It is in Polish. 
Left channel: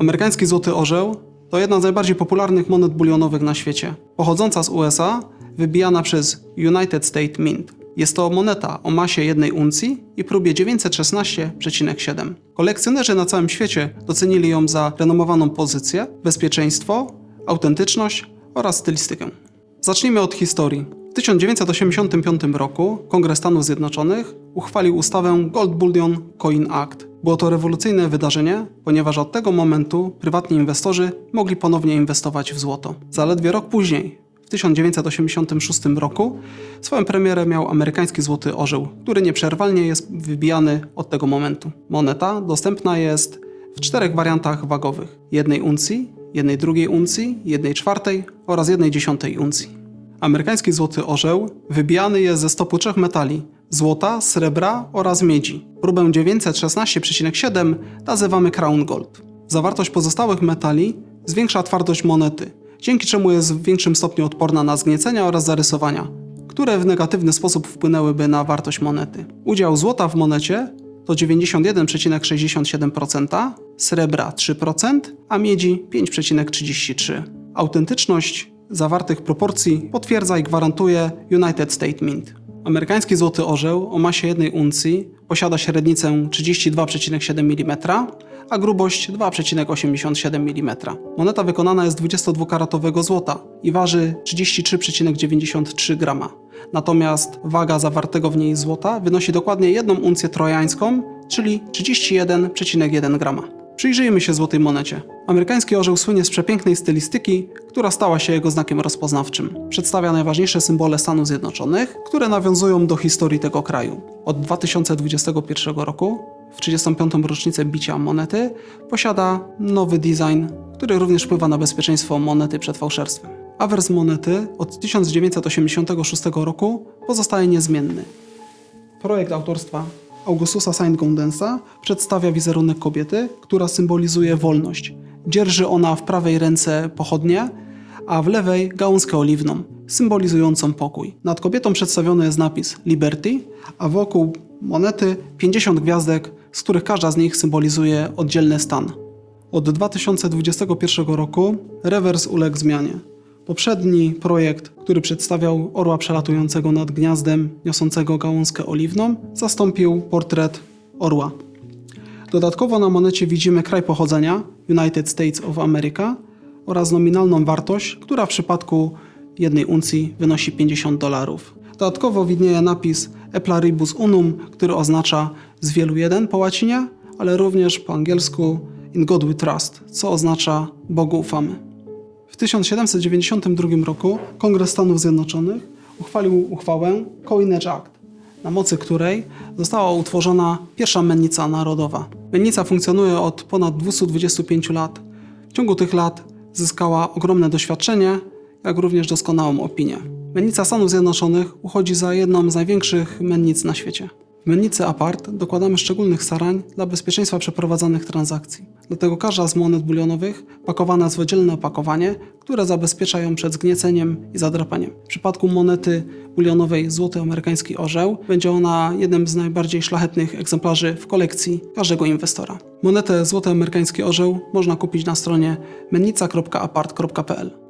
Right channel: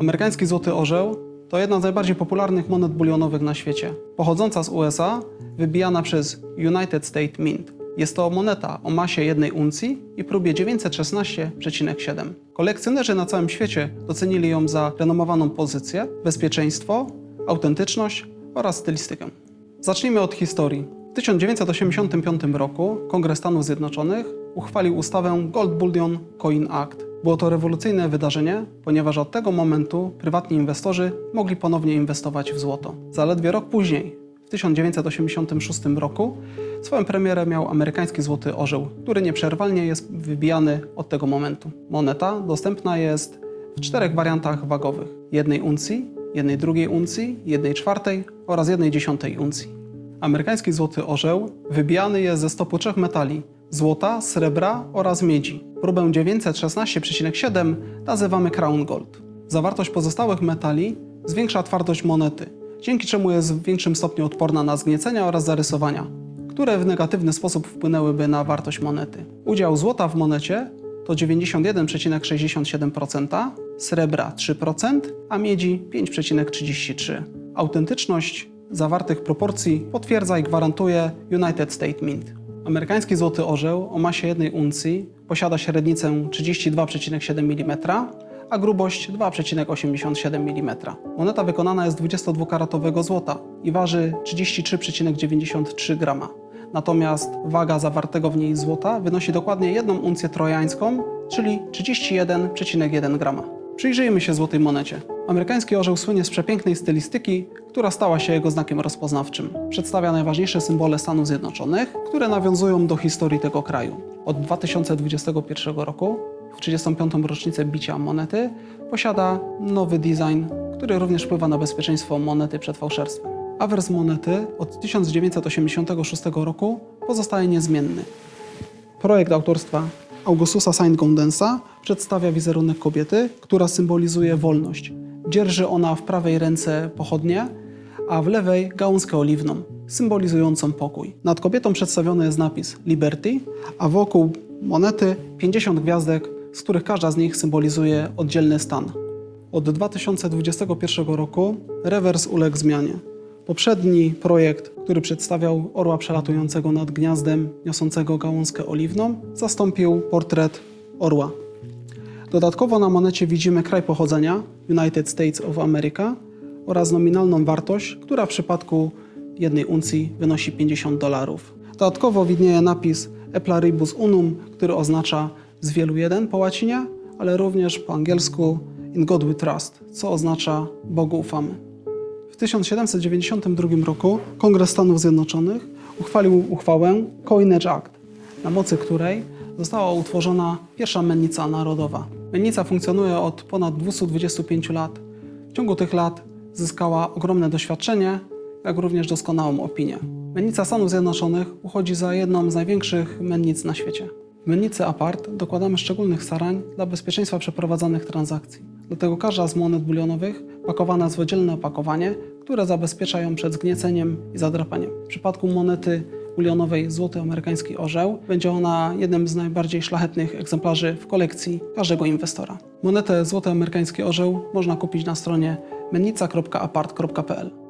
Amerykański złoty orzeł to jedna z najbardziej popularnych monet bulionowych na świecie. Pochodząca z USA, wybijana przez United States Mint. Jest to moneta o masie jednej uncji i próbie 916,7. Kolekcjonerzy na całym świecie docenili ją za renomowaną pozycję, bezpieczeństwo, autentyczność oraz stylistykę. Zacznijmy od historii. W 1985 roku Kongres Stanów Zjednoczonych uchwalił ustawę Gold Bullion Coin Act. Było to rewolucyjne wydarzenie, ponieważ od tego momentu prywatni inwestorzy mogli ponownie inwestować w złoto. Zaledwie rok później, w 1986 roku, swoją premierę miał amerykański złoty orzeł, który nieprzerwalnie jest wybijany od tego momentu. Moneta dostępna jest w czterech wariantach wagowych: jednej uncji, jednej drugiej uncji, jednej czwartej oraz jednej dziesiątej uncji. Amerykański złoty orzeł wybijany jest ze stopu trzech metali złota, srebra oraz miedzi. Próbę 916,7 nazywamy Crown Gold. Zawartość pozostałych metali zwiększa twardość monety, dzięki czemu jest w większym stopniu odporna na zgniecenia oraz zarysowania, które w negatywny sposób wpłynęłyby na wartość monety. Udział złota w monecie to 91,67%, srebra 3%, a miedzi 5,33%. Autentyczność zawartych proporcji potwierdza i gwarantuje United States Mint. Amerykański złoty orzeł o masie jednej uncji posiada średnicę 32,7 mm, a grubość 2,87 mm. Moneta wykonana jest z 22-karatowego złota i waży 33,93 grama. Natomiast waga zawartego w niej złota wynosi dokładnie jedną uncję trojańską, czyli 31,1 grama. Przyjrzyjmy się złotej monecie. Amerykański orzeł słynie z przepięknej stylistyki, która stała się jego znakiem rozpoznawczym. Przedstawia najważniejsze symbole Stanów Zjednoczonych, które nawiązują do historii tego kraju. Od 2021 roku, w 35. rocznicę bicia monety, posiada nowy design, który również wpływa na bezpieczeństwo monety przed fałszerstwem. Awers monety od 1986 roku pozostaje niezmienny. Projekt autorstwa Augustusa Saint-Gaudens'a przedstawia wizerunek kobiety, która symbolizuje wolność. Dzierży ona w prawej ręce pochodnie, a w lewej gałązkę oliwną, symbolizującą pokój. Nad kobietą przedstawiony jest napis Liberty, a wokół monety 50 gwiazdek, z których każda z nich symbolizuje oddzielny stan. Od 2021 roku rewers uległ zmianie. Poprzedni projekt, który przedstawiał orła przelatującego nad gniazdem, niosącego gałązkę oliwną, zastąpił portret orła. Dodatkowo na monecie widzimy kraj pochodzenia United States of America oraz nominalną wartość, która w przypadku jednej uncji wynosi 50 dolarów. Dodatkowo widnieje napis E pluribus unum, który oznacza z wielu jeden po łacinie, ale również po angielsku In God We Trust, co oznacza Bogu ufamy. W 1792 roku Kongres Stanów Zjednoczonych uchwalił uchwałę Coinage Act, na mocy której została utworzona pierwsza mennica narodowa. Mennica funkcjonuje od ponad 225 lat. W ciągu tych lat zyskała ogromne doświadczenie, jak również doskonałą opinię. Mennica Stanów Zjednoczonych uchodzi za jedną z największych mennic na świecie. W mennicy apart dokładamy szczególnych starań dla bezpieczeństwa przeprowadzanych transakcji. Dlatego każda z monet bulionowych pakowana jest w oddzielne opakowanie, które zabezpiecza ją przed zgnieceniem i zadrapaniem. W przypadku monety bulionowej Złoty Amerykański Orzeł będzie ona jednym z najbardziej szlachetnych egzemplarzy w kolekcji każdego inwestora. Monetę Złoty Amerykański Orzeł można kupić na stronie mennica.apart.pl.